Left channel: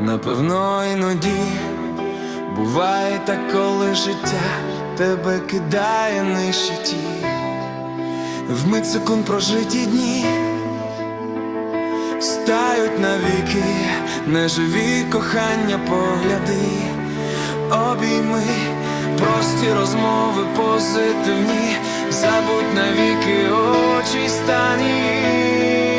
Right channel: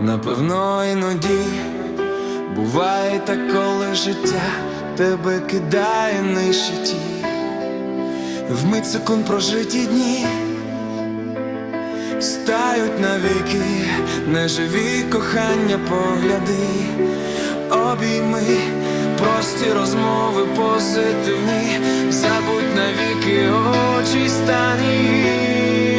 Напевно, іноді буває так, коли життя тебе кидає нижче ті, вмить секунд прожиті дні стають навіки, неживі кохання погляди, обійми, прості розмови позитивні, забудь навіки очі стані.